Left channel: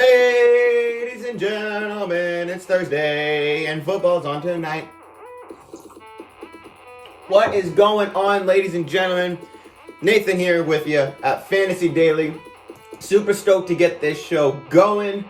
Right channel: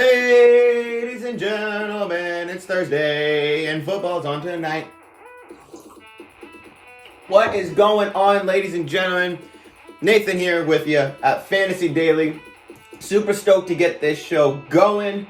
Ladies and gentlemen, it's Thursday and football's on tonight. What is going on, ladies and gentlemen? Nathan here with you at Fantasy Daily. Super stoked to get this show going.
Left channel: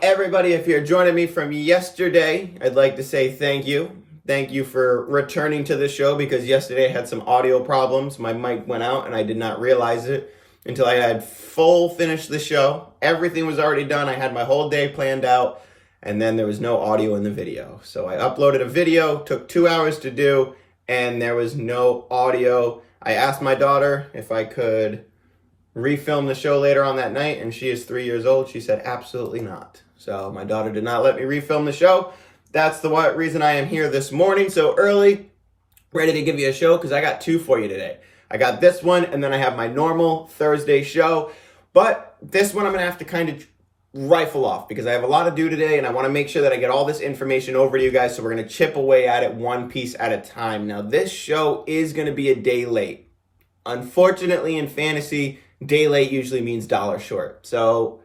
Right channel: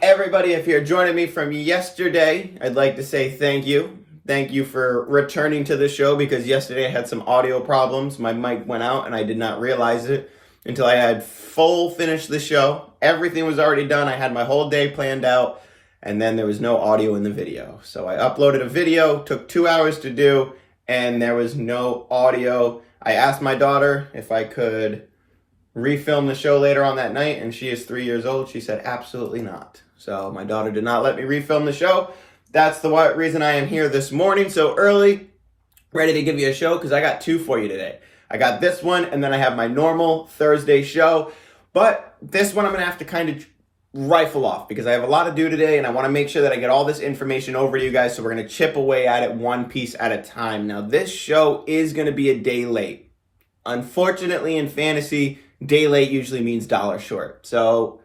Everybody, if you're joining me from yesterday, I'd like to say thank you. Thank you for returning to the show because yesterday I had some audio problems. My mic went out and I did not realize it until I had finished the show. Everything was already done. I had my whole day planned out, and then there was no audio in the video. So I uploaded a video, took 2 hours to do, and there was no audio. I asked my daughter if I could refilm the show later on that night, and she is 3 years old. She said absolutely not. So my daughter did not let me refilm the show. That's the reason I am here this morning so early, ready to give you a show, because I got two for you today. I got this one, and then I have my normal Thursday show. But this one I'm going to have to kind of rifle off because I have a lot to do today, and I want to make sure that I get all this information over to you guys, so we're going to chip away at it one piece at a time. Now, this show is going to be a day late. Unfortunately, in fantasy, day late usually means dollar short. So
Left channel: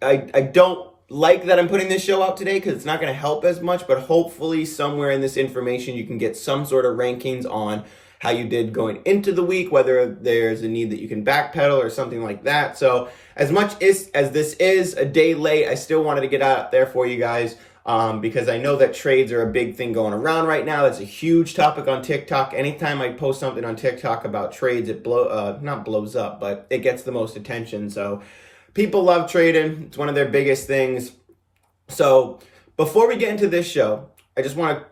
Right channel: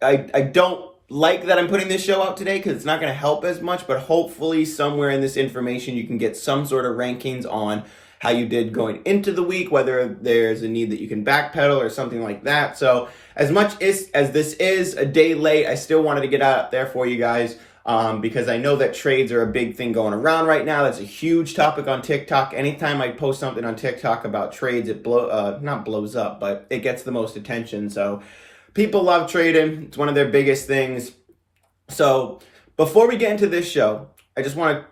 I don't like that I'm putting this show out today because it's not going to help as much, but hopefully somewhere in this information you can get some sort of rankings on how you did going into the week, whether there's a need that you can backpedal or something like that. So as much as this is a day late, I still wanted to get out there for you guys because I know that trades are a big thing going around right now. That's a huge topic on TikTok. Anytime I post something on TikTok about trades, it not blows up, but it gets the most attention. So people love trading. It's one of their biggest things. So before we get into this show, I just want to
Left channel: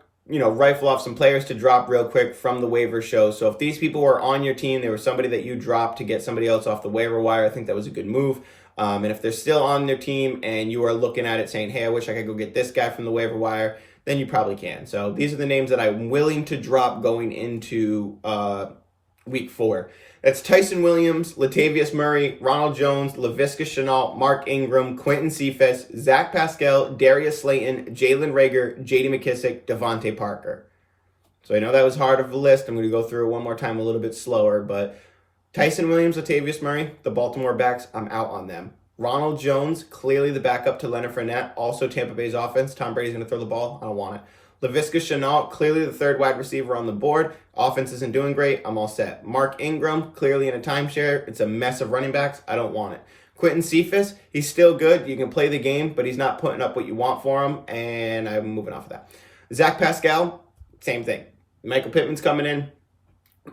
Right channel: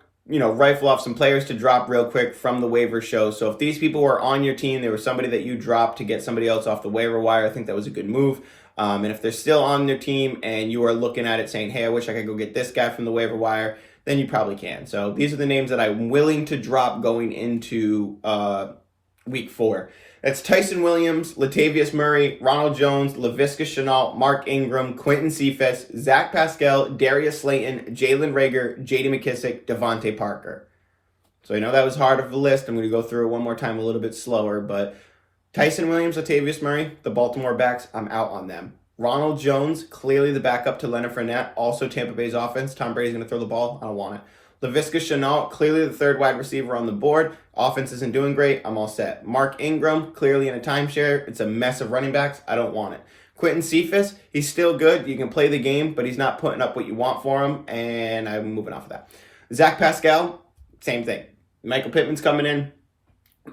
rifle off some players to drop real quick from the waiver show. So if these people were on your team, they were somebody that you dropped to get somebody else off the waiver wire, I think that was a good move. And if they're still on their team and you are looking at it saying, hey, I wish I could go get this guy from the waiver wire, then you probably can. So these are the names that I'm willing to drop going into week 4. That's Tyson Williams, Latavius Murray, Ronald Jones, Laviska Shenault, Mark Ingram, Quentin Cephas, Zach Pascal, Darius Slayton, Jalen Reagor, J.D. McKissic, Devontae Parker. So I know that was hard of a list. I'm going to go through it one more time a little bit slower, but Tyson Williams, Latavius Murray, the Baltimore backs, I'm out on them. Ronald Jones, clearly the backup to Leonard Fournette, also Tampa Bay's offense. Tom Brady's going to throw the ball. I don't want it. Laviska Shenault, clearly the third wide receiver on the board. Offense isn't doing great. I'm all set. Mark Ingram, clearly in a timeshare. It's a mess of running backs. I don't want it. Quentin Cephas, he's still good. You can play the game, but he's not putting up what you want for him, and I'm moving off of that. Zach Pascal, same thing. Michael Pittman's coming in.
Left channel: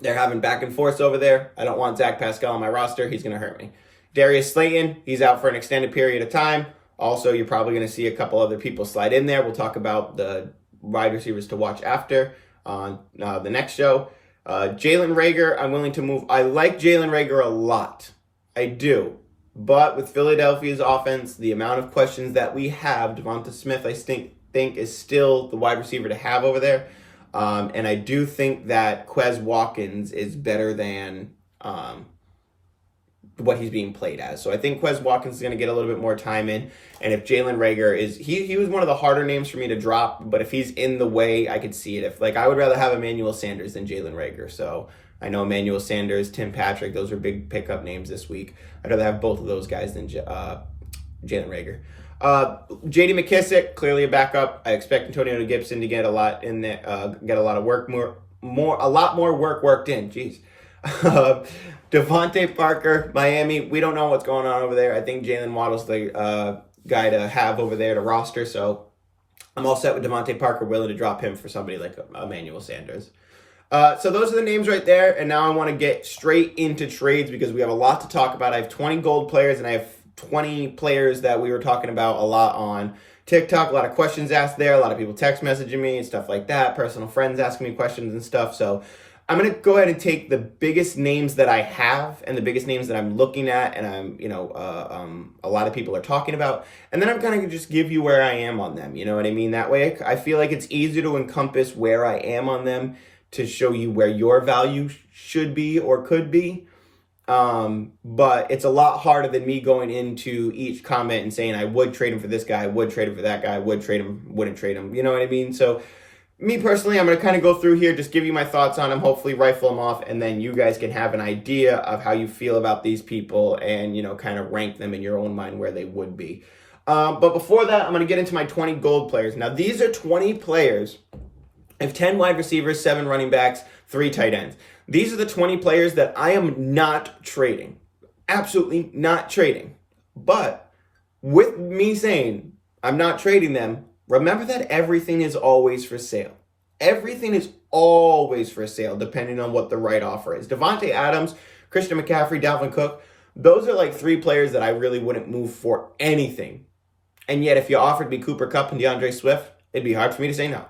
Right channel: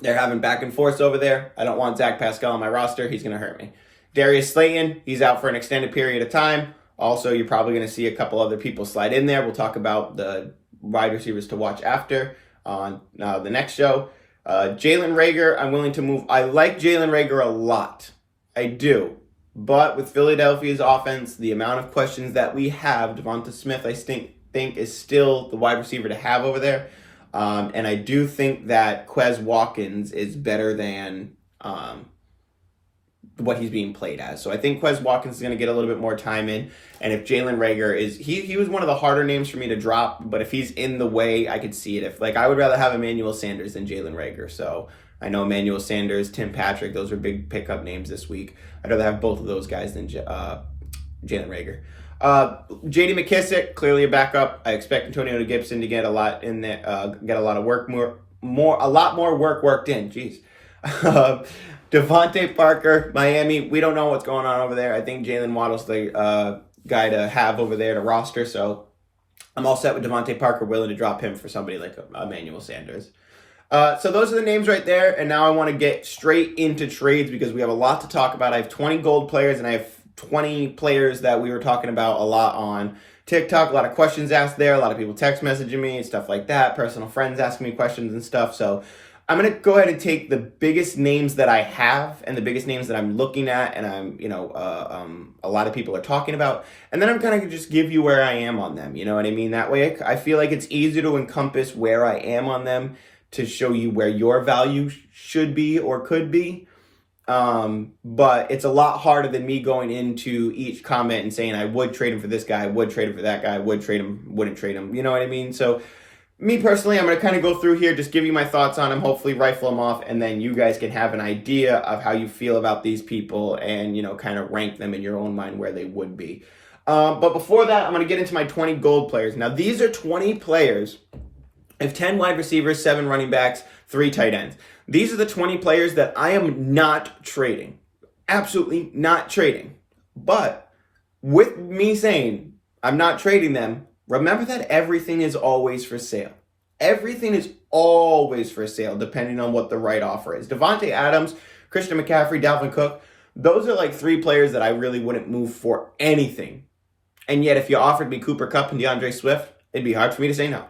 They're having back and forth over there. I don't want Zach Pascal on my roster. He's going to hurt me. Darius Slayton, he's out for an extended period of time. Also, you're probably going to see a couple other people slide in there. We'll talk about the wide receivers to watch after on the next show. Jalen Reagor, I'm willing to move. I like Jalen Reagor a lot. I do. But with Philadelphia's offense, the amount of questions that we have, Devonta Smith, I think is still the wide receiver to have over there. And I do think that Quez Watkins is better than what he's being played as. So I think Quez Watkins is going to get a little bit more time in. And if Jalen Reagor is, he was one of the harder names for me to drop, but if he's in the way, I could see it. I would rather have Emmanuel Sanders than Jalen Reagor. So I know Emmanuel Sanders, Tim Patrick, those are big pickup names this week. I'd rather have both of those guys than Jalen Reagor. J.D. McKissic, clearly a backup. I expect Antonio Gibson to get a lot in there, get a lot of work, a lot more work worked in. Jeez. Devontae Parker, Miami. We don't know what's going on over there. I think Jalen Waddle's the guy to have over there to roster. So I'm all set with Devontae Parker, willing to drop him for somebody like Emmanuel Sanders. So those are the names right there. And now I want to get straight into trades because we have a lot to talk about. I have 20 gold players and I have 20 players that we were talking about a lot on TikTok. A lot of questions asked there. A lot of people text messaging me and stuff like that. Personal friends asking me questions and stuff. So I'm going to go ahead and take the biggest names that I have and the biggest names that I'm looking at and a lot of people are talking about. And then I'm kind of just give you where I am on them. You know what I mean? That way I feel like it's easier to encompass where I am on them to show you where your value should be or could be. But it's a lot harder than me going into each comment and saying I would trade him for this guy, I would trade him for that guy, I would trade him, wouldn't trade him. You know what I mean? So Me personally, I'm going to kind of go through here, just give you my thoughts on them, hopefully rifle them off, and then you guys can have an idea of how you feel about these people and, kind of rank them in your own mind where they would be. But before that, I'm going to get into my 20 gold players. Now, these are 20 players. I have 10 wide receivers, 7 running backs, 3 tight ends. These are the 20 players that I am not trading. Absolutely not trading. But with me saying I'm not trading them, remember that everything is always for sale. Everything is always for sale, depending on what the right offer is. Devontae Adams, Christian McCaffrey, Dalvin Cook, those are like 3 players that I really wouldn't move for anything. And yet, if you offered me Cooper Kupp and DeAndre Swift, it'd be hard for me to say no.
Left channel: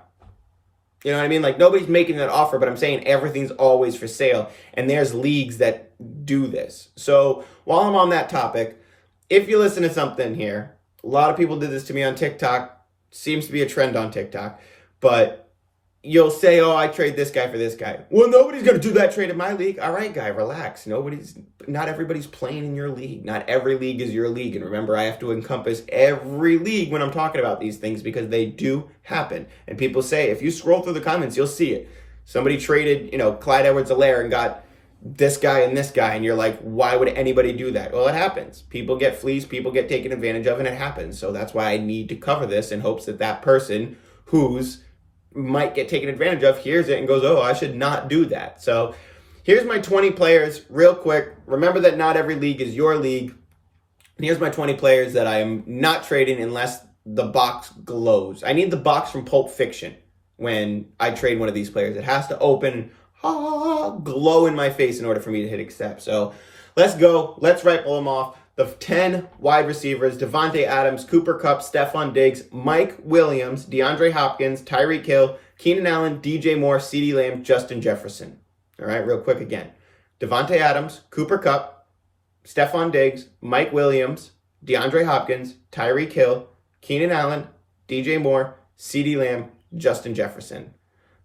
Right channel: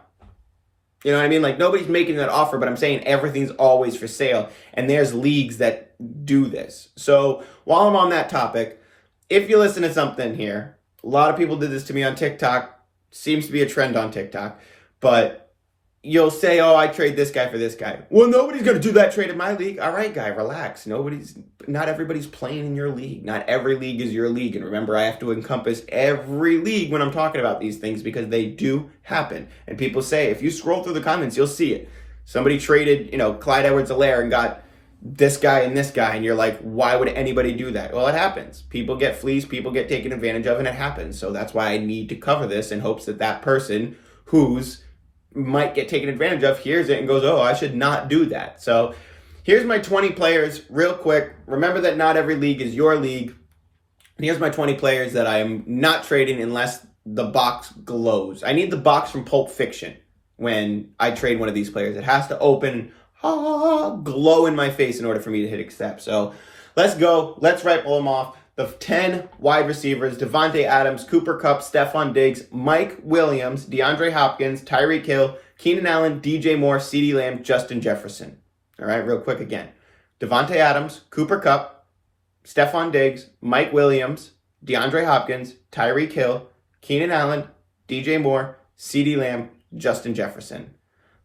You know what I mean? Like, nobody's making that offer, but I'm saying everything's always for sale. And there's leagues that do this. So while I'm on that topic, if you listen to something here, a lot of people did this to me on TikTok. Seems to be a trend on TikTok. But you'll say, oh, I trade this guy for this guy. Well, nobody's going to do that trade in my league. All right, guy, relax. Not everybody's playing in your league. Not every league is your league. And remember, I have to encompass every league when I'm talking about these things because they do happen. And people say, if you scroll through the comments, you'll see it. Somebody traded, Clyde Edwards-Helaire and got this guy and this guy. And you're like, why would anybody do that? Well, it happens. People get fleeced. People get taken advantage of, and it happens. So that's why I need to cover this in hopes that that person who's might get taken advantage of hears it and goes, oh, I should not do that. So here's my 20 players real quick. Remember that not every league is your league. And here's my 20 players that I am not trading unless the box glows. I need the box from Pulp Fiction when I trade one of these players. It has to open, glow in my face in order for me to hit accept. So let's go. Let's rifle them off. The 10 wide receivers: Devontae Adams, Cooper Kupp, Stephon Diggs, Mike Williams, DeAndre Hopkins, Tyreek Hill, Keenan Allen, DJ Moore, CeeDee Lamb, Justin Jefferson. All right, real quick again. Devontae Adams, Cooper Kupp, Stephon Diggs, Mike Williams, DeAndre Hopkins, Tyreek Hill, Keenan Allen, DJ Moore, CeeDee Lamb, Justin Jefferson.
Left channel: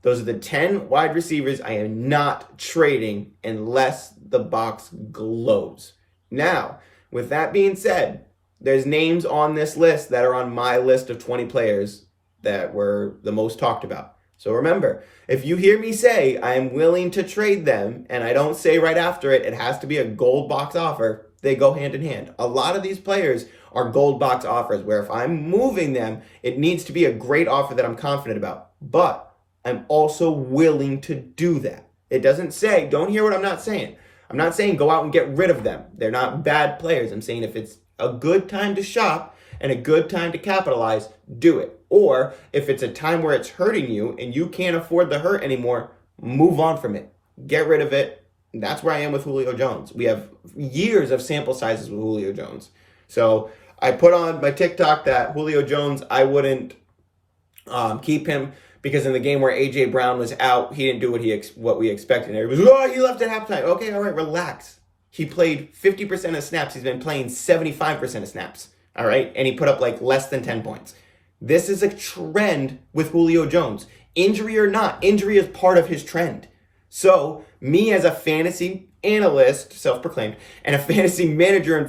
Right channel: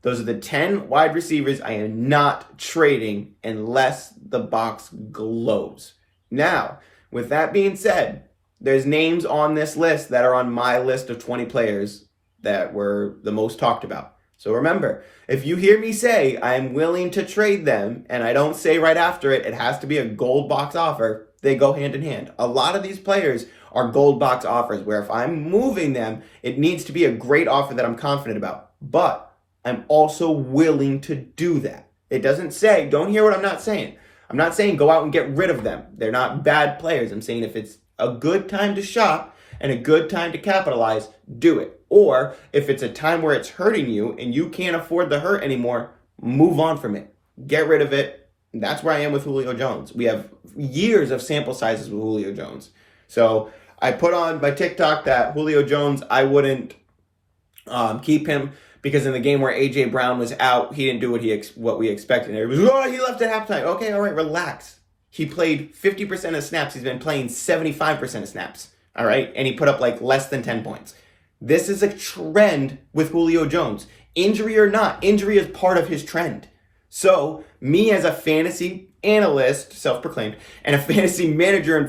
Those are the 10 wide receivers I am not trading unless the box glows. Now, with that being said, there's names on this list that are on my list of 20 players that were the most talked about. So remember, if you hear me say I am willing to trade them, and I don't say right after it has to be a gold box offer, they go hand in hand. A lot of these players are gold box offers where if I'm moving them, it needs to be a great offer that I'm confident about. But I'm also willing to do that. It doesn't say, don't hear what I'm not saying. I'm not saying go out and get rid of them. They're not bad players. I'm saying if it's a good time to shop and a good time to capitalize, do it. Or if it's a time where it's hurting you and you can't afford the hurt anymore, move on from it. Get rid of it. That's where I am with Julio Jones. We have years of sample sizes with Julio Jones. So I put on my TikTok that Julio Jones, I wouldn't keep him because in the game where A.J. Brown was out, he didn't do what we expected. Everybody was, he left at halftime. Okay, all right, relax. He played 50% of snaps. He's been playing 75% of snaps, all right? And he put up like less than 10 points. This is a trend with Julio Jones. Injury or not, injury is part of his trend. So me as a fantasy analyst, self-proclaimed, and a fantasy manager in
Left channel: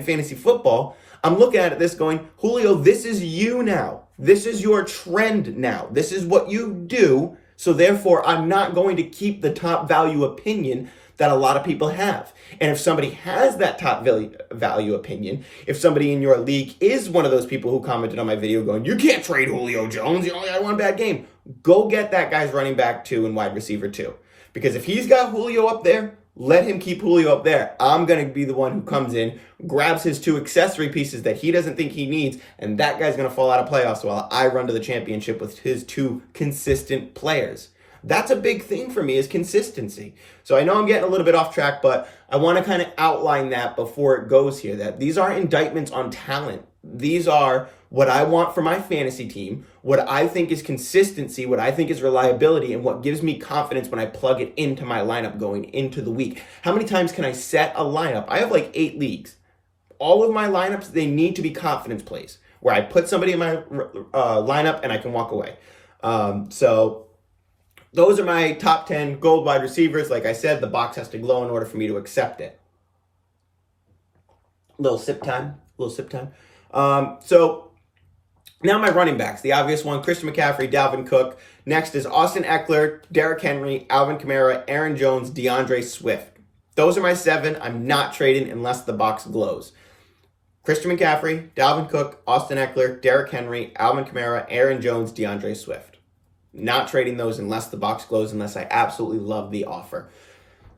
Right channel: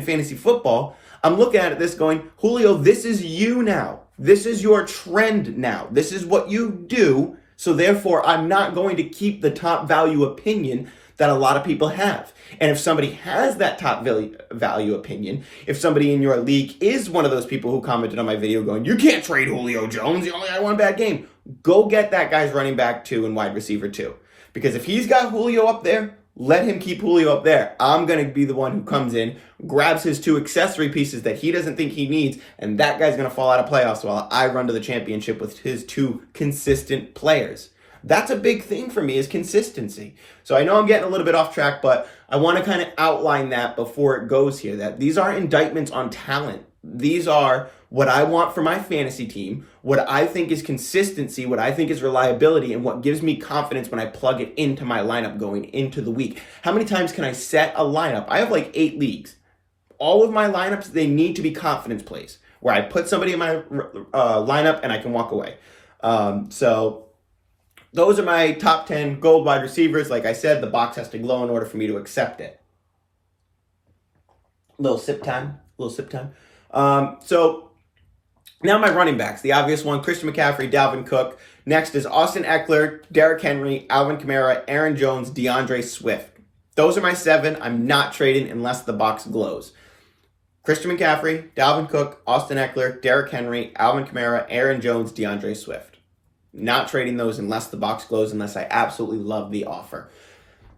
fantasy football, I'm looking at this going, Julio, this is you now. This is your trend now. This is what you do. So therefore, I'm not going to keep the top value opinion that a lot of people have. And if somebody has that top value opinion, if somebody in your league is one of those people who commented on my video going, you can't trade Julio Jones, he only had one bad game, go get that guy's running back 2 and wide receiver 2. Because if he's got Julio up there, let him keep Julio up there. I'm going to be the one who comes in, grabs his 2 accessory pieces that he doesn't think he needs, and that guy's going to fall out of playoffs while I run to the championship with his 2 consistent players. That's a big thing for me is consistency. So I know I'm getting a little bit off track, but I want to kind of outline that before it goes here, that these are indictments on talent. These are what I want for my fantasy team, what I think is consistency, what I think is reliability, and what gives me confidence when I plug it into my lineup going into the week. How many times can I set a lineup? I have like 8 leagues. All of my lineups, they need to be confidence plays where I put somebody in my lineup and I can walk away. So those are my top 10 gold wide receivers. Like I said, the box has to glow in order for me to accept it. Little sip time. So Now my running backs, the obvious one, Christian McCaffrey, Dalvin Cook. Next is Austin Eckler, Derrick Henry, Alvin Kamara, Aaron Jones, DeAndre Swift. Those are my 7. I'm not trading unless the box glows. Christian McCaffrey, Dalvin Cook, Austin Eckler, Derrick Henry, Alvin Kamara, Aaron Jones, DeAndre Swift. Not trading those unless the box glows, unless I absolutely love the offer.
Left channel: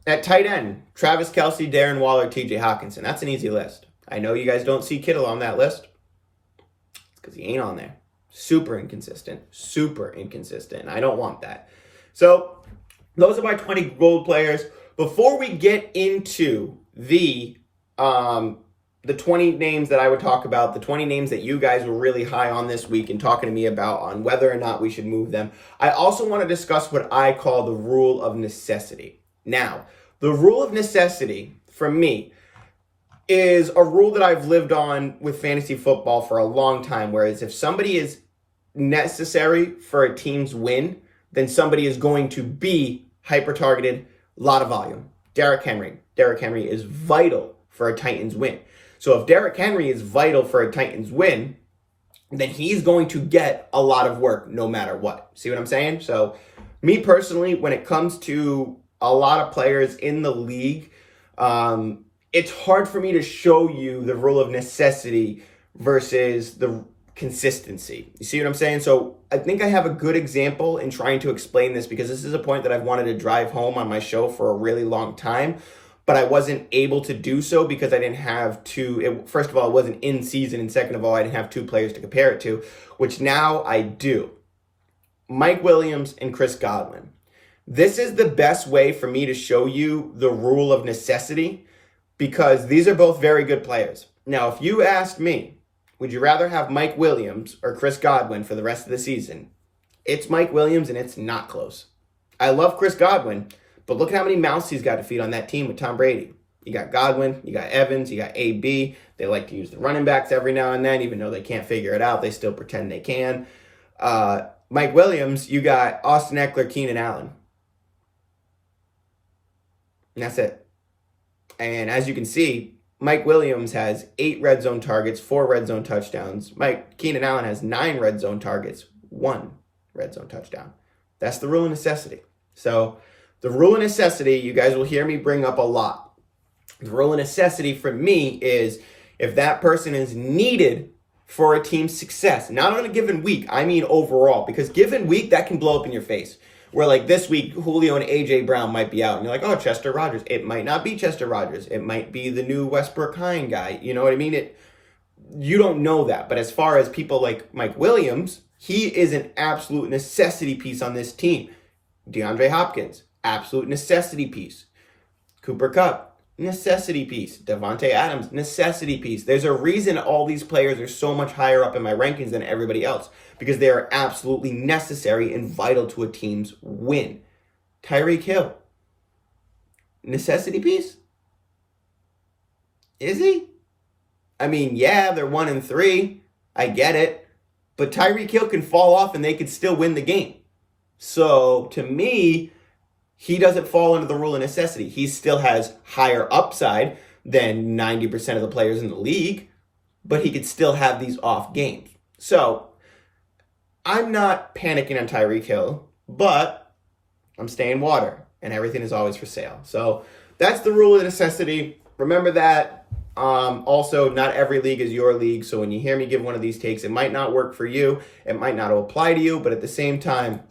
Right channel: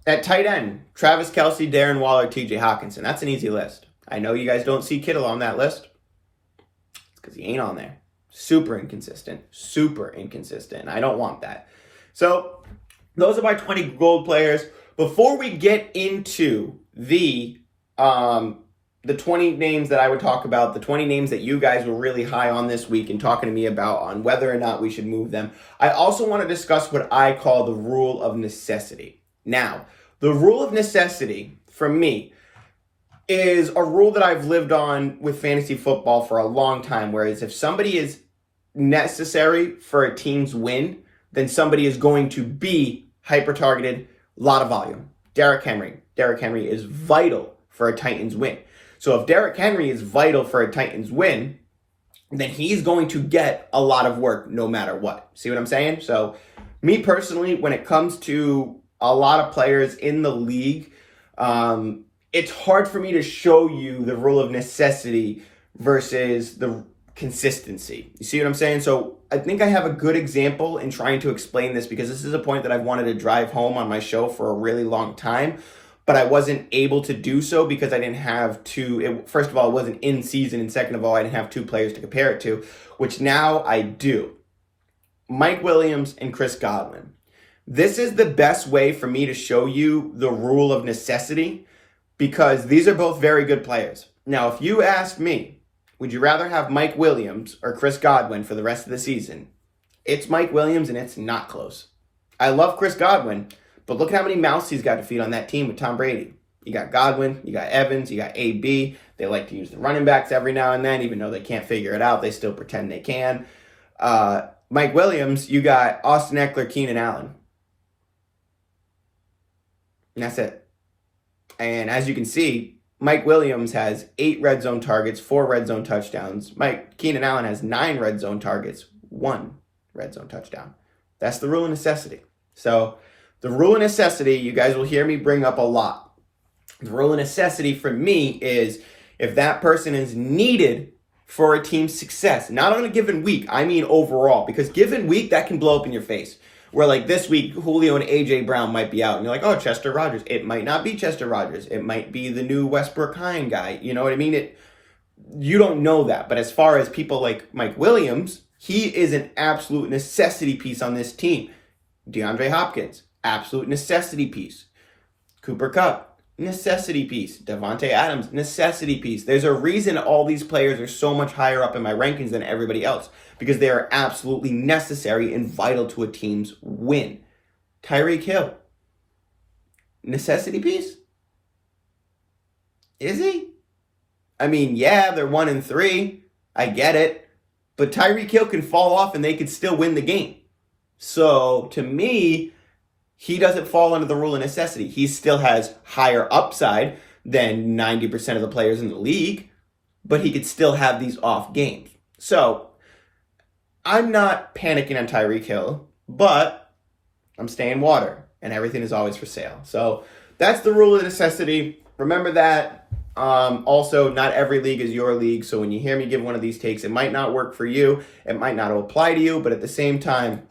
At tight end, Travis Kelce, Darren Waller, TJ Hawkinson. That's an easy list. I know you guys don't see Kittle on that list. It's because he ain't on there. Super inconsistent. I don't want that. So those are my 20 gold players. Before we get into the 20 names that I would talk about, the 20 names that you guys were really high on this week and talking to me about on whether or not we should move them, I also want to discuss what I call the rule of necessity. Now, the rule of necessity, for me, is a rule that I've lived on with fantasy football for a long time, whereas if somebody is necessary for a team's win, then somebody is going to be hyper-targeted, a lot of volume. Derrick Henry. Derrick Henry is vital for a Titans win. So if Derrick Henry is vital for a Titans win, then he's going to get a lot of work no matter what. See what I'm saying? So me personally, when it comes to a lot of players in the league, it's hard for me to show you the rule of necessity versus the consistency. You see what I'm saying? So I think I have a good example in trying to explain this, because this is a point that I've wanted to drive home on my show for a really long time, but I wasn't able to do so because I didn't have first of all, it wasn't in season, and second of all, I didn't have 2 players to compare it to, which now I do. Mike Williams and Chris Godwin. This is the best way for me to show you the rule of necessity, because these are both very good players. Now, if you asked me, would you rather have Mike Williams or Chris Godwin for the rest of the season? It's Mike Williams, and it's not close. I love Chris Godwin, but look at how many mouths he's got to feed on that team with Tom Brady. You got Godwin, you got Evans, you got AB. They like to use the running backs every now and then, even though they can't figure it out. They still pretend they can. Mike Williams, you got Austin Eckler, Keenan Allen. And that's it. And as you can see, Mike Williams has 8 red zone targets, 4 red zone touchdowns. Keenan Allen has 9 red zone targets, 1 red zone touchdown. That's the rule of necessity. So the rule of necessity, you guys will hear me bring up a lot. The rule of necessity for me is if that person is needed for a team's success, not on a given week, I mean overall, because given week, that can blow up in your face. Where like this week, Julio and A.J. Brown might be out. And you're like, oh, Chester Rogers. It might not be Chester Rogers. It might be the new Westbrook Hine guy. You know what I mean? You don't know that. But as far as people like Mike Williams, he is an absolute necessity piece on this team. DeAndre Hopkins, absolute necessity piece. Cooper Kupp, necessity piece. Devontae Adams, necessity piece. There's a reason all these players are so much higher up in my rankings than everybody else, because they are absolutely necessary and vital to a team's win. Tyreek Hill, necessity piece? Is he? I mean, yeah, they're 1-3. I get it. But Tyreek Hill can fall off and they could still win the game. So to me, he doesn't fall under the rule of necessity. He still has higher upside than 90% of the players in the league, but he could still have these off games. So I'm not panicking on Tyreek Hill, but I'm staying water, and everything is always for sale. So that's the rule of necessity. Remember that. Also, not every league is your league. So when you hear me give one of these takes, it might not work for you. It might not apply to you, but at the same time,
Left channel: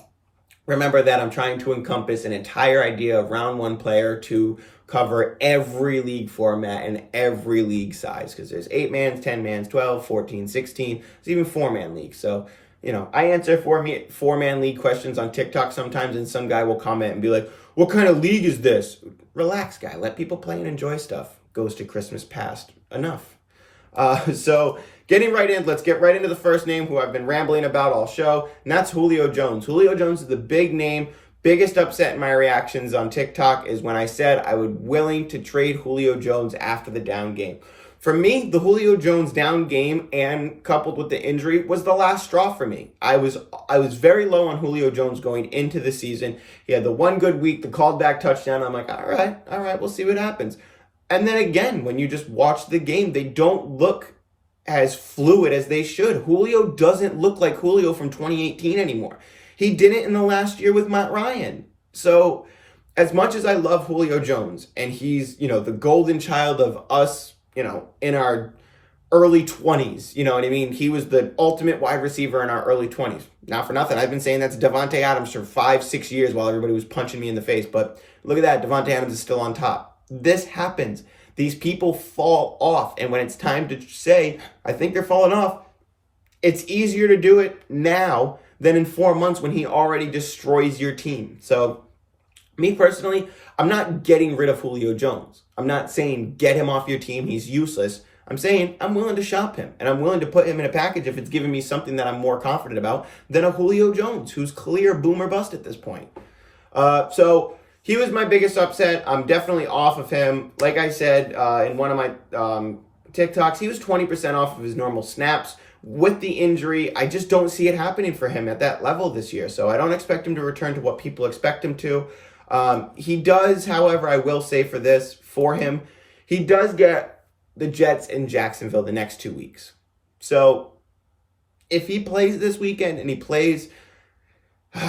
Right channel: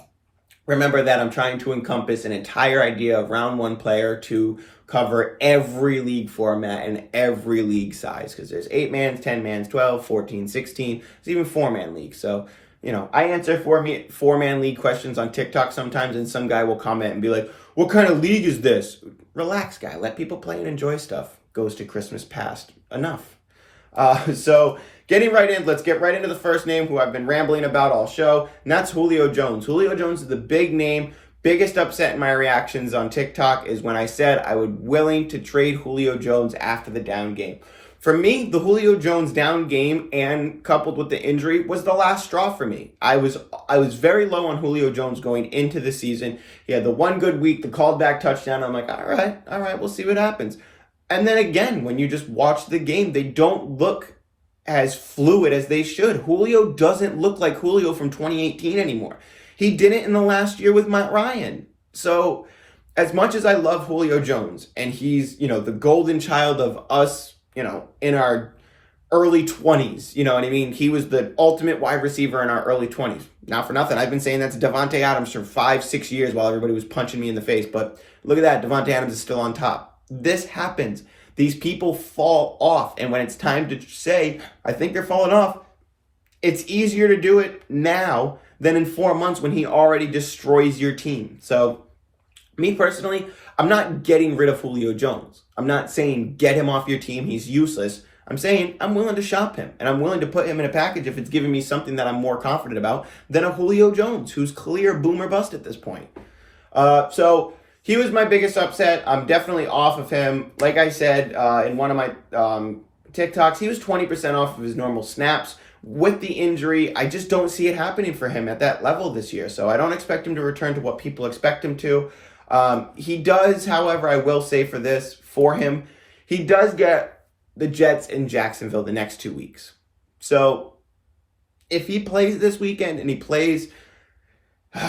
remember that I'm trying to encompass an entire idea of round 1 player to cover every league format and every league size, because there's 8-mans, 10-mans, 12, 14, 16, there's even 4-man leagues. So, you know, I answer 4-man league questions on TikTok sometimes, and some guy will comment and be like, what kind of league is this? Relax, guy. Let people play and enjoy stuff. Goes to Christmas past. Enough. So getting right in, let's get right into the first name who I've been rambling about all show, and that's Julio Jones. Julio Jones is the big name. Biggest upset in my reactions on TikTok is when I said I would willing to trade Julio Jones after the down game. For me, the Julio Jones down game and coupled with the injury was the last straw for me. I was very low on Julio Jones going into the season. He had the one good week, the called back touchdown. I'm like, all right, we'll see what happens. And then again, when you just watch the game, they don't look as fluid as they should. Julio doesn't look like Julio from 2018 anymore. He didn't in the last year with Matt Ryan. So as much as I love Julio Jones, and he's, the golden child of us, in our early 20s, you know what I mean? He was the ultimate wide receiver in our early 20s. Not for nothing, I've been saying that's Davante Adams for 5-6 years while everybody was punching me in the face. But look at that, Davante Adams is still on top. This happens. These people fall off. And when it's time to say, I think they're falling off, it's easier to do it now than in 4 months when he already destroys your team. So me personally, I'm not getting rid of Julio Jones. I'm not saying get him off your team, he's useless. I'm saying I'm willing to shop him, and I'm willing to put him in a package if it's giving me something that I'm more confident about than a Julio Jones, who's clear boom or bust at this point. So he was my biggest upset. I'm definitely off of him. Like I said in one of my TikToks, he was 20% off of his normal snaps. With the injury, I just don't see it happening for him at that level this year. So I don't expect him to return to what people expect him to. He does, however, I will say for him, he does get the Jets in Jacksonville the next 2 weeks. So if he plays this weekend and he plays,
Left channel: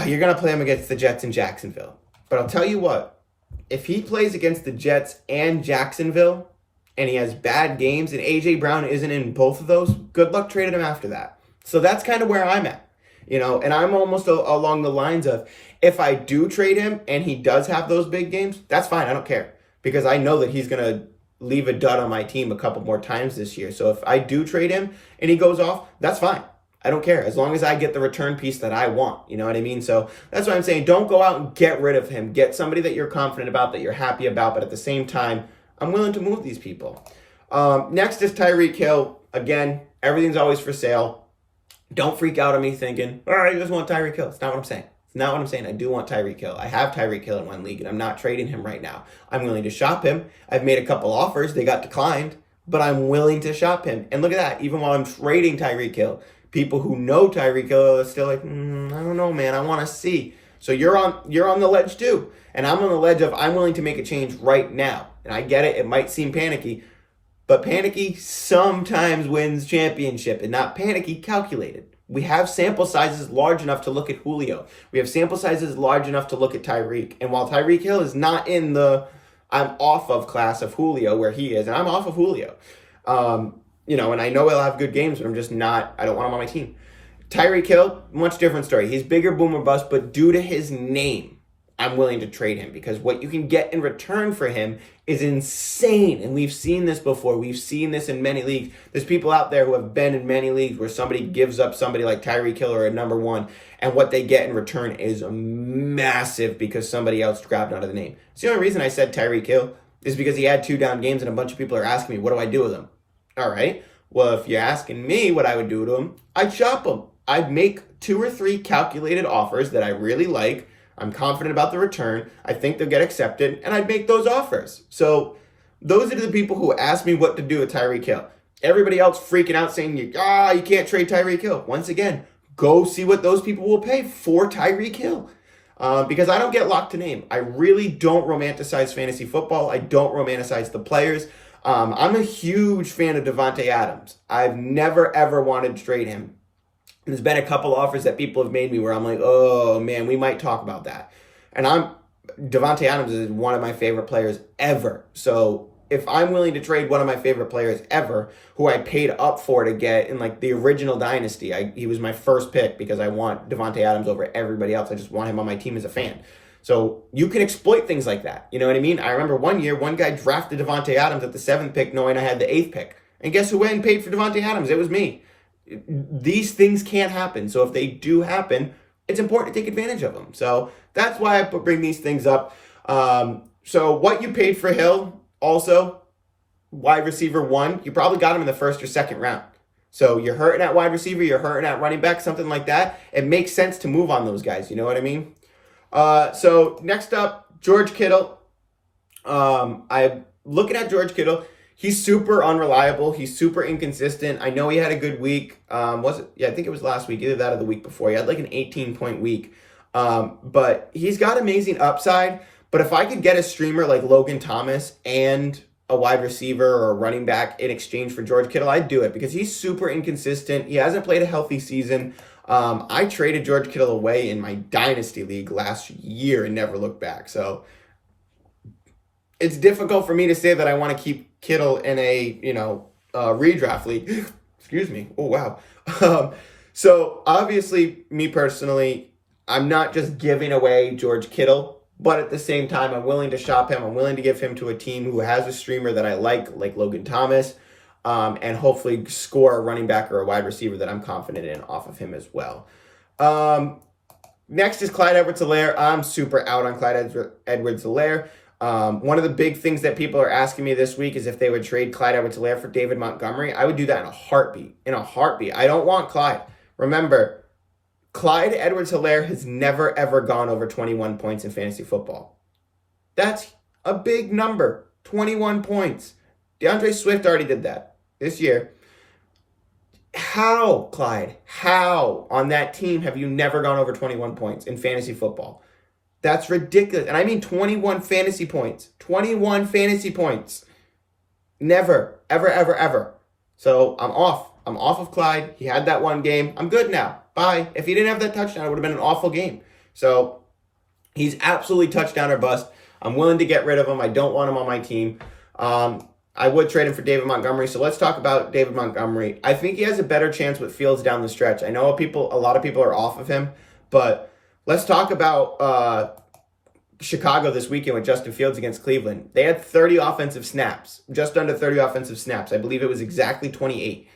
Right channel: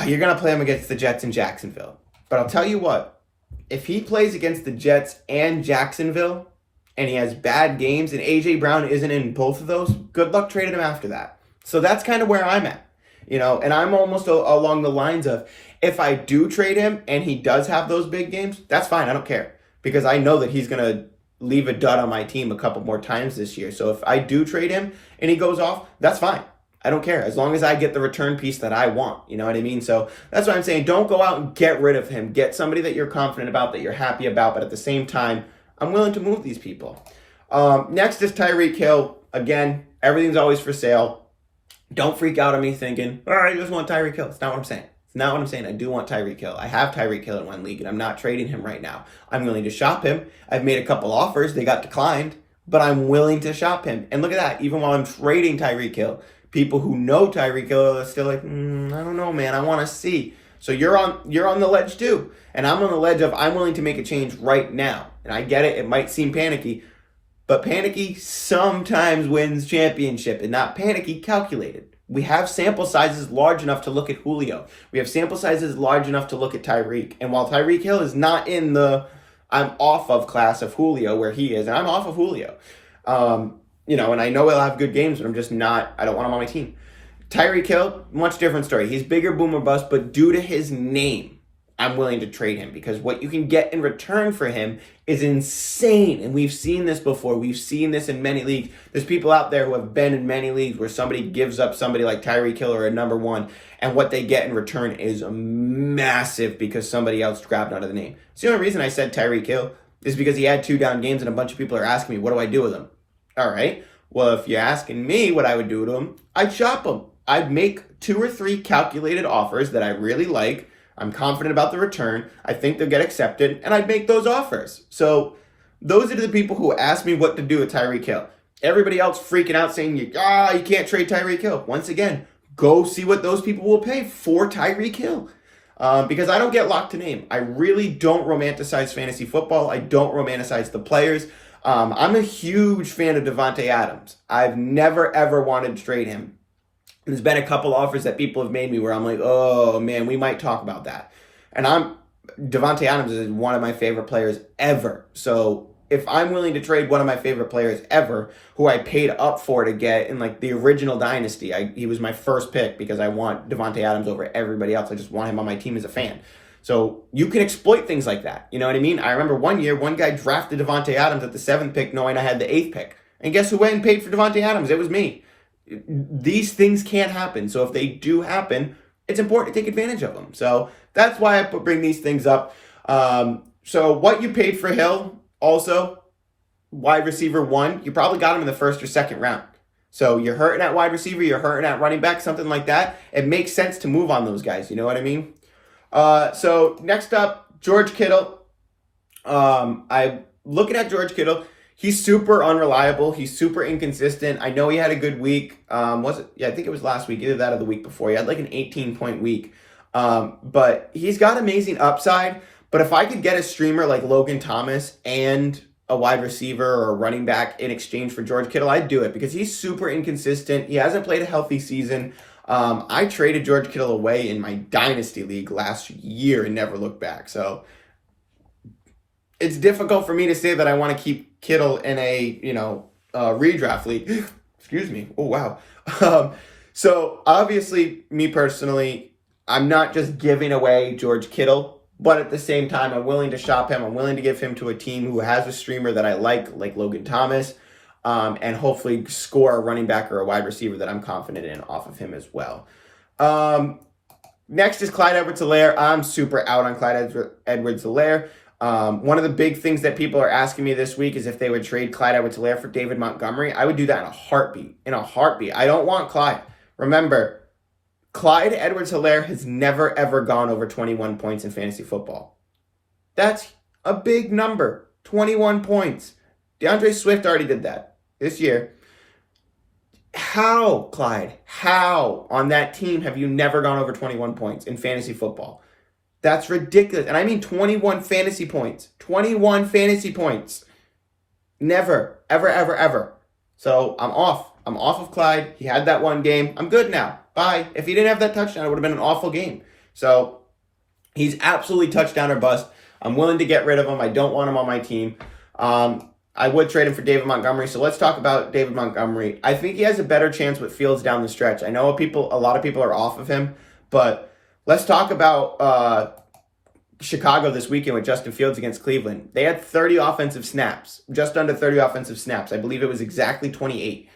you're going to play him against the Jets in Jacksonville. But I'll tell you what, if he plays against the Jets and Jacksonville and he has bad games and A.J. Brown isn't in both of those, good luck trading him after that. So that's kind of where I'm at. And I'm almost along the lines of, if I do trade him and he does have those big games, that's fine. I don't care, because I know that he's going to leave a dud on my team a couple more times this year. So if I do trade him and he goes off, that's fine. I don't care, as long as I get the return piece that I want. You know what I mean? So that's why I'm saying, don't go out and get rid of him. Get somebody that you're confident about, that you're happy about, but at the same time, I'm willing to move these people. Next is Tyreek Hill. Again, everything's always for sale. Don't freak out on me thinking, all right, you just want Tyreek Hill. It's not what I'm saying. It's not what I'm saying. I do want Tyreek Hill. I have Tyreek Hill in one league, and I'm not trading him right now. I'm willing to shop him. I've made a couple offers. They got declined, but I'm willing to shop him. And look at that. Even while I'm trading Tyreek Hill, people who know Tyreek Hill are still like, I don't know, man. I want to see. So you're on the ledge too. And I'm on the ledge of, I'm willing to make a change right now. And I get it. It might seem panicky, but panicky sometimes wins championship, and not panicky calculated. We have sample sizes large enough to look at Julio. We have sample sizes large enough to look at Tyreek. And while Tyreek Hill is not in the I'm off of class of Julio where he is, and I'm off of Julio, and I know he'll have good games, but I'm just not, I don't want him on my team. Tyreek Hill, much different story. He's bigger boom or bust, but due to his name, I'm willing to trade him, because what you can get in return for him is insane. And we've seen this before. We've seen this in many leagues. There's people out there who have been in many leagues where somebody gives up somebody like Tyreek Hill or a number one, and what they get in return is massive because somebody else grabbed onto the name. It's the only reason I said Tyreek Hill is because he had 2 down games, and a bunch of people are asking me, what do I do with him? All right. Well, if you're asking me what I would do to him, I'd shop him. I'd make 2 or 3 calculated offers that I really like. I'm confident about the return. I think they'll get accepted, and I'd make those offers. So those are the people who ask me what to do with Tyreek Hill. Everybody else freaking out saying, you can't trade Tyreek Hill. Once again, go see what those people will pay for Tyreek Hill. Because I don't get locked to name. I really don't romanticize fantasy football. I don't romanticize the players. I'm a huge fan of Davante Adams. I've never, ever wanted to trade him. There's been a couple offers that people have made me where I'm like, oh man, we might talk about that. And Davante Adams is one of my favorite players ever. So if I'm willing to trade one of my favorite players ever, who I paid up for to get in like the original dynasty, he was my first pick because I want Davante Adams over everybody else. I just want him on my team as a fan. So you can exploit things like that. You know what I mean? I remember one year, one guy drafted Davante Adams at the 7th pick knowing I had the 8th pick. And guess who went and paid for Davante Adams? It was me. These things can't happen. So if they do happen, it's important to take advantage of them. So that's why I bring these things up. So what you paid for Hill, also, wide receiver 1, you probably got him in the 1st or 2nd round. So you're hurting at wide receiver, you're hurting at running back, something like that. It makes sense to move on those guys. You know what I mean? So next up, George Kittle. I'm looking at George Kittle. He's super unreliable. He's super inconsistent. I know he had a good week. Was it? Yeah, I think it was last week, either that or the week before. He had like an 18-point week. But he's got amazing upside. But if I could get a streamer like Logan Thomas and a wide receiver or a running back in exchange for George Kittle, I'd do it because he's super inconsistent. He hasn't played a healthy season. I traded George Kittle away in my dynasty league last year and never looked back. So it's difficult for me to say that I want to keep Kittle in a, redraft league. Excuse me. Oh, wow. So obviously, me personally, I'm not just giving away George Kittle, but at the same time, I'm willing to shop him. I'm willing to give him to a team who has a streamer that I like Logan Thomas, and hopefully score a running back or a wide receiver that I'm confident in off of him as well. Next is Clyde Edwards-Helaire. I'm super out on Clyde Edwards-Helaire. One of the big things that people are asking me this week is if they would trade Clyde Edwards-Helaire for David Montgomery. I would do that in a heartbeat. I don't want Clyde. Remember, Clyde Edwards-Helaire has never, ever gone over 21 points in fantasy football. That's a big number. 21 points. DeAndre Swift already did that this year. How, Clyde? How on that team have you never gone over 21 points in fantasy football? That's ridiculous. And I mean 21 fantasy points. 21 fantasy points. Never, ever, ever, ever. So I'm off. I'm off of Clyde. He had that one game. I'm good now. Bye. If he didn't have that touchdown, it would have been an awful game. So he's absolutely touchdown or bust. I'm willing to get rid of him. I don't want him on my team. I would trade him for David Montgomery. So let's talk about David Montgomery. I think he has a better chance with Fields down the stretch. I know a lot of people are off of him, but let's talk about Chicago this weekend with Justin Fields against Cleveland. They had 30 offensive snaps, just under 30 offensive snaps. I believe it was exactly 28.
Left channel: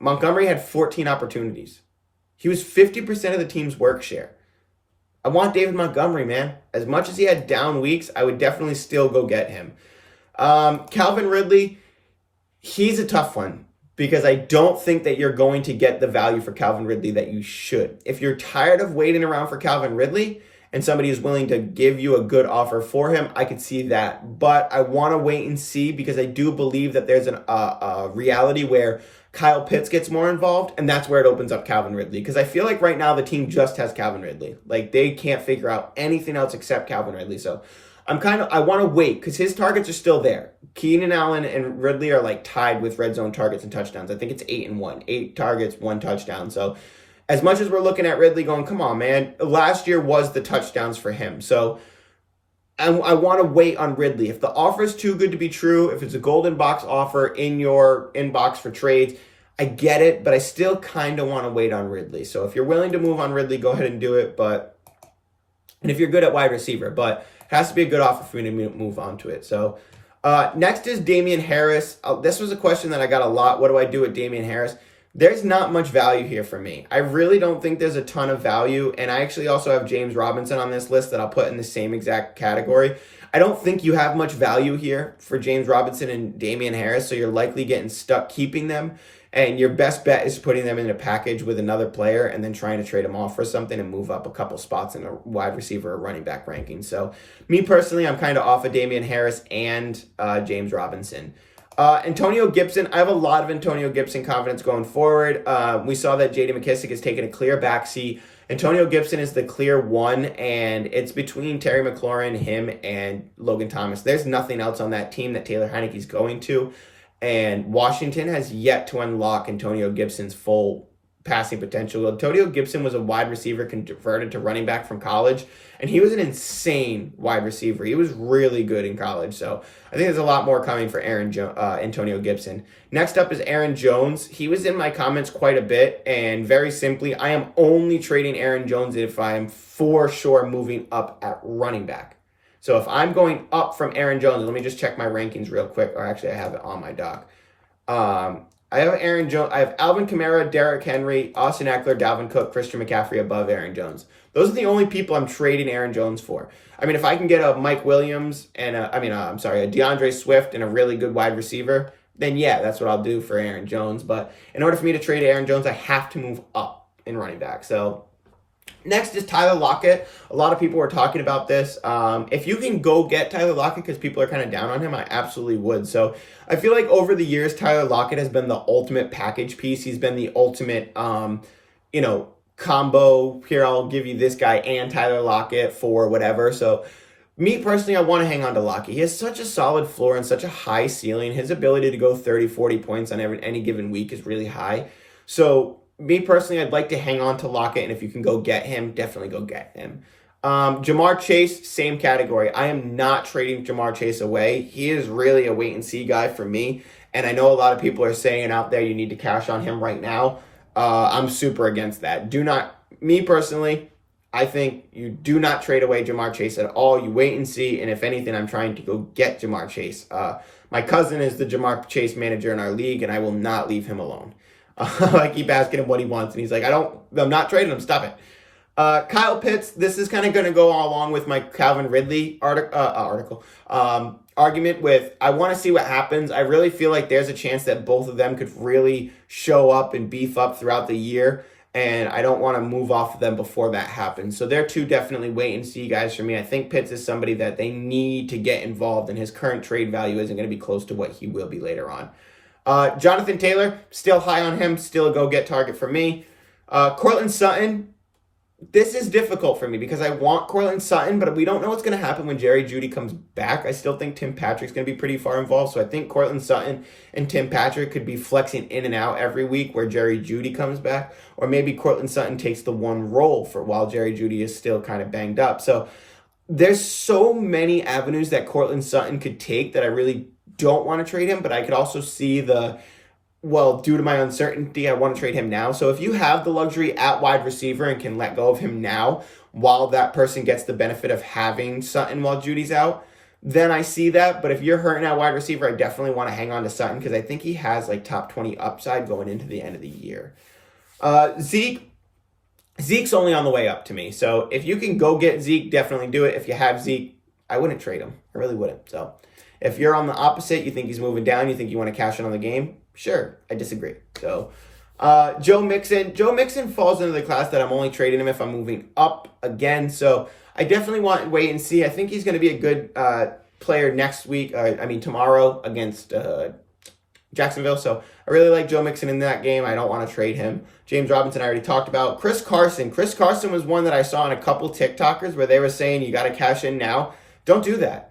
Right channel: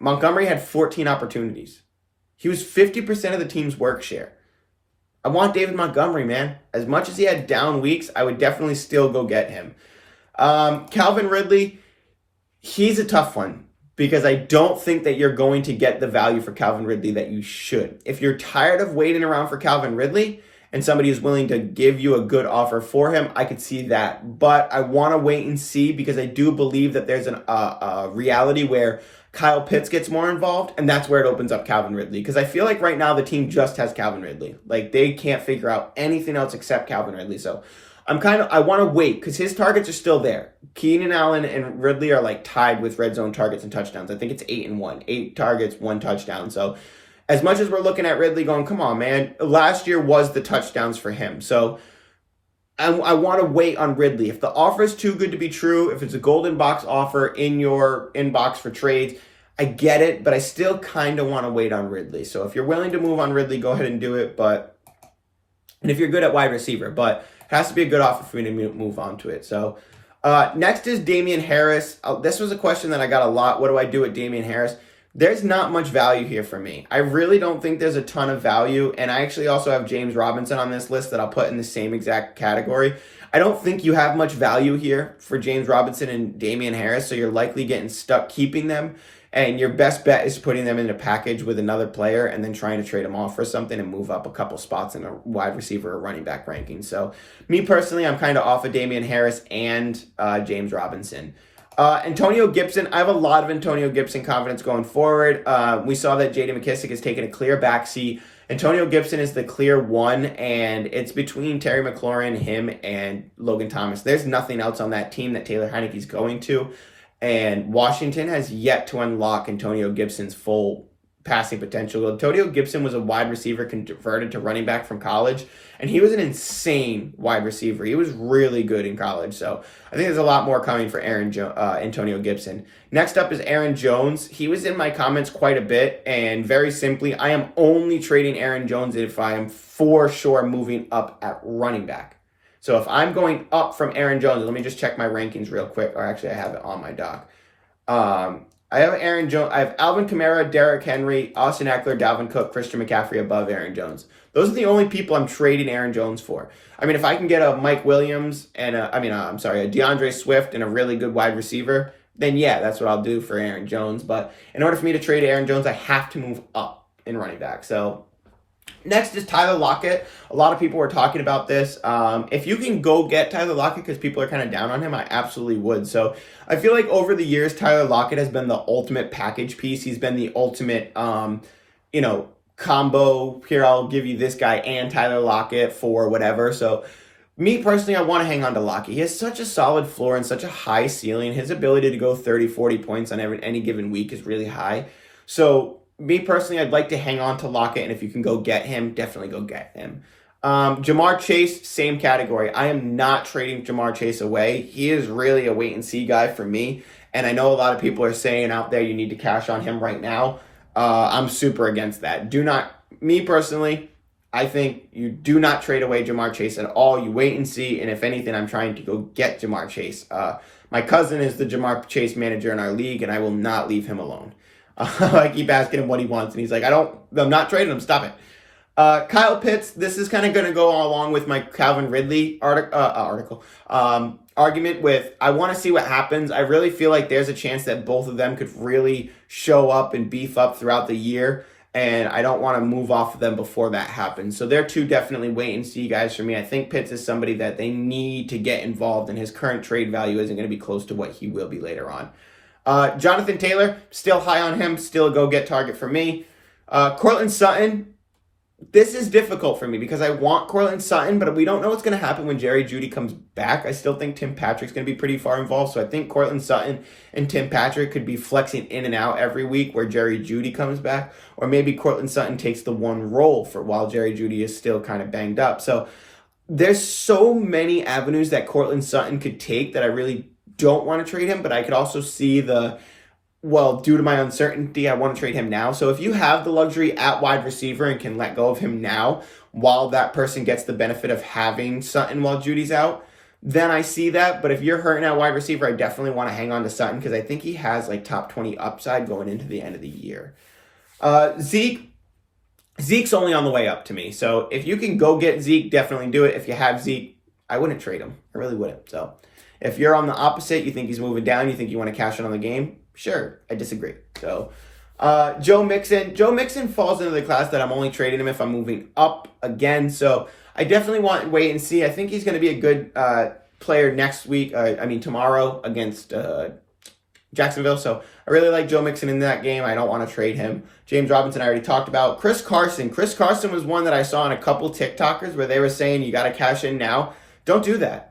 Montgomery had 14 opportunities. He was 50% of the team's work share. I want David Montgomery, man. As much as he had down weeks, I would definitely still go get him. Calvin Ridley, he's a tough one because I don't think that you're going to get the value for Calvin Ridley that you should. If you're tired of waiting around for Calvin Ridley and somebody is willing to give you a good offer for him, I could see that. But I want to wait and see because I do believe that there's a reality where Kyle Pitts gets more involved, and that's where it opens up Calvin Ridley. Because I feel like right now the team just has Calvin Ridley. Like they can't figure out anything else except Calvin Ridley. So I want to wait because his targets are still there. Keenan Allen and Ridley are like tied with red zone targets and touchdowns. I think it's 8-1. 8 targets, 1 touchdown. So as much as we're looking at Ridley going, come on, man. Last year was the touchdowns for him. So I want to wait on Ridley. If the offer is too good to be true, if it's a golden box offer in your inbox for trades, I get it, but I still kind of want to wait on Ridley. So if you're willing to move on Ridley, go ahead and do it. And if you're good at wide receiver, but it has to be a good offer for me to move on to it. So next is Damian Harris. This was a question that I got a lot. What do I do with Damian Harris? There's not much value here for me. I really don't think there's a ton of value. And I actually also have James Robinson on this list that I'll put in the same exact category. I don't think you have much value here for James Robinson and Damian Harris. So you're likely getting stuck keeping them. And your best bet is putting them in a package with another player and then trying to trade them off for something and move up a couple spots in a wide receiver or running back ranking. So me personally, I'm kind of off of Damian Harris and James Robinson. Antonio Gibson, I have a lot of Antonio Gibson confidence going forward. We saw that J.D. McKissic has taken a clear backseat. Antonio Gibson is the clear one, and it's between Terry McLaurin, him, and Logan Thomas. There's nothing else on that team that Taylor Heinicke's going to. And Washington has yet to unlock Antonio Gibson's full passing potential. Antonio Gibson was a wide receiver converted to running back from college, and he was an insane wide receiver. He was really good in college. So I think there's a lot more coming for Antonio Gibson. Next up is Aaron Jones. He was in my comments quite a bit, and very simply, I am only trading Aaron Jones if I am for sure moving up at running back. So if I'm going up from Aaron Jones, let me just check my rankings real quick, or actually I have it on my doc. I have Aaron Jones. I have Alvin Kamara, Derrick Henry, Austin Eckler, Dalvin Cook, Christian McCaffrey above Aaron Jones. Those are the only people I'm trading Aaron Jones for. I mean, if I can get a Mike Williams and a DeAndre Swift and a really good wide receiver, then yeah, that's what I'll do for Aaron Jones. But in order for me to trade Aaron Jones, I have to move up in running back. So next is Tyler Lockett. A lot of people were talking about this. If you can go get Tyler Lockett because people are kind of down on him, I absolutely would. So I feel like over the years, Tyler Lockett has been the ultimate package piece. He's been the ultimate, combo. Here, I'll give you this guy and Tyler Lockett for whatever. So Me personally, I want to hang on to Lockett. He has such a solid floor and such a high ceiling. His ability to go 30, 40 points on any given week is really high. So me personally, I'd like to hang on to Lockett, and if you can go get him, definitely go get him. Jamar Chase, same category. I am not trading Jamar Chase away. He is really a wait-and-see guy for me, and I know a lot of people are saying out there you need to cash on him right now. I'm super against that. Me personally, I think you do not trade away Jamar Chase at all. You wait and see, and if anything, I'm trying to go get Jamar Chase. My cousin is the Jamar Chase manager in our league, and I will not leave him alone. I keep asking him what he wants, and he's like, I'm not trading him. Stop it. Kyle Pitts, this is kind of going to go along with my Calvin Ridley argument with, I want to see what happens. I really feel like there's a chance that both of them could really show up and beef up throughout the year, and I don't want to move off of them before that happens. So they're two definitely wait and see guys for me. I think Pitts is somebody that they need to get involved, and his current trade value isn't going to be close to what he will be later on. Jonathan Taylor, still high on him, still a go-get target for me. Courtland Sutton, this is difficult for me because I want Courtland Sutton, but we don't know what's going to happen when Jerry Jeudy comes back. I still think Tim Patrick's going to be pretty far involved, so I think Courtland Sutton and Tim Patrick could be flexing in and out every week where Jerry Jeudy comes back, or maybe Courtland Sutton takes the one role for while Jerry Jeudy is still kind of banged up. So there's so many avenues that Courtland Sutton could take that I really don't want to trade him, but I could also see due to my uncertainty, I want to trade him now. So if you have the luxury at wide receiver and can let go of him now while that person gets the benefit of having Sutton while Judy's out, then I see that. But if you're hurting at wide receiver, I definitely want to hang on to Sutton because I think he has like top 20 upside going into the end of the year. Zeke's only on the way up to me. So if you can go get Zeke, definitely do it. If you have Zeke, I wouldn't trade him. I really wouldn't. So if you're on the opposite, you think he's moving down, you think you want to cash in on the game, sure, I disagree. So Joe Mixon falls into the class that I'm only trading him if I'm moving up again. So I definitely want to wait and see. I think he's going to be a good player tomorrow against Jacksonville. So I really like Joe Mixon in that game. I don't want to trade him. James Robinson, I already talked about. Chris Carson was one that I saw on a couple TikTokers where they were saying you got to cash in now. Don't do that.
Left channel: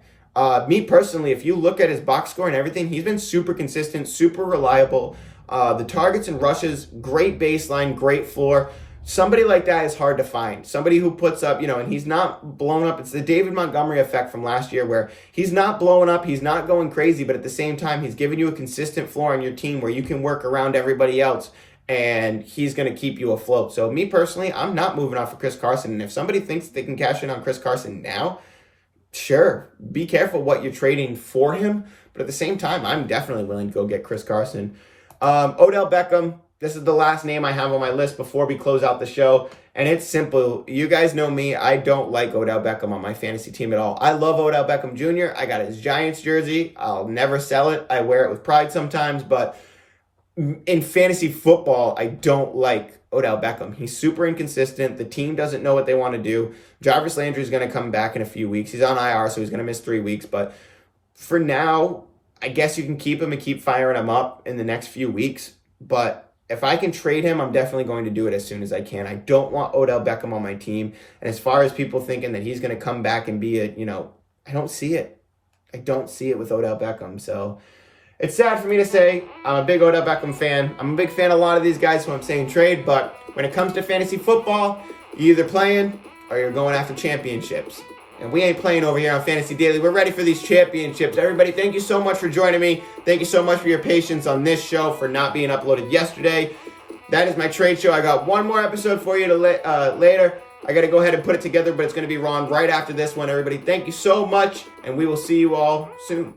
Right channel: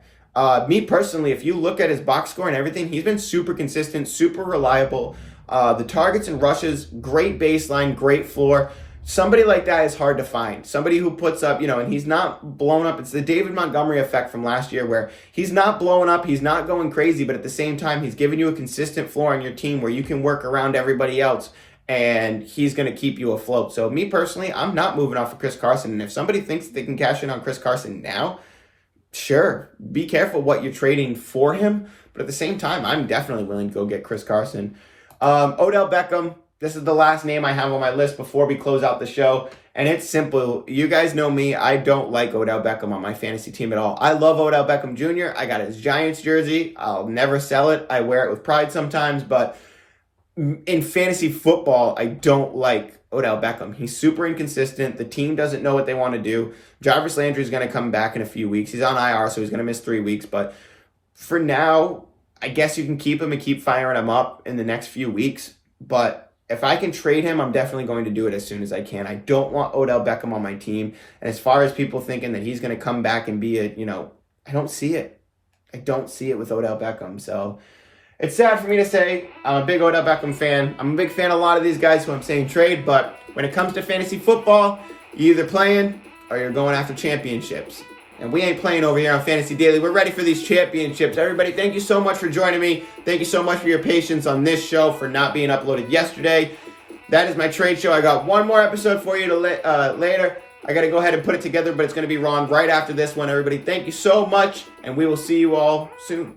Me personally, if you look at his box score and everything, he's been super consistent, super reliable. The targets and rushes, great baseline, great floor. Somebody like that is hard to find. Somebody who puts up, and he's not blown up. It's the David Montgomery effect from last year where he's not blowing up, he's not going crazy, but at the same time, he's giving you a consistent floor on your team where you can work around everybody else, and he's going to keep you afloat. So me personally, I'm not moving off of Chris Carson. And if somebody thinks that they can cash in on Chris Carson now, sure, be careful what you're trading for him. But at the same time, I'm definitely willing to go get Chris Carson. Odell Beckham, this is the last name I have on my list before we close out the show. And it's simple. You guys know me. I don't like Odell Beckham on my fantasy team at all. I love Odell Beckham Jr. I got his Giants jersey. I'll never sell it. I wear it with pride sometimes. But in fantasy football, I don't like Odell Beckham. He's super inconsistent. The team doesn't know what they want to do. Jarvis Landry is going to come back in a few weeks. He's on IR, so he's going to miss 3 weeks. But for now, I guess you can keep him and keep firing him up in the next few weeks. But if I can trade him, I'm definitely going to do it as soon as I can. I don't want Odell Beckham on my team. And as far as people thinking that he's going to come back and be I don't see it. I don't see it with Odell Beckham. So it's sad for me to say. I'm a big Odell Beckham fan. I'm a big fan of a lot of these guys who I'm saying trade, but when it comes to fantasy football, you're either playing or you're going after championships. And we ain't playing over here on Fantasy Daily. We're ready for these championships. Everybody, thank you so much for joining me. Thank you so much for your patience on this show for not being uploaded yesterday. That is my trade show. I got one more episode for you later. I got to go ahead and put it together, but it's going to be Ron right after this one. Everybody, thank you so much, and we will see you all soon.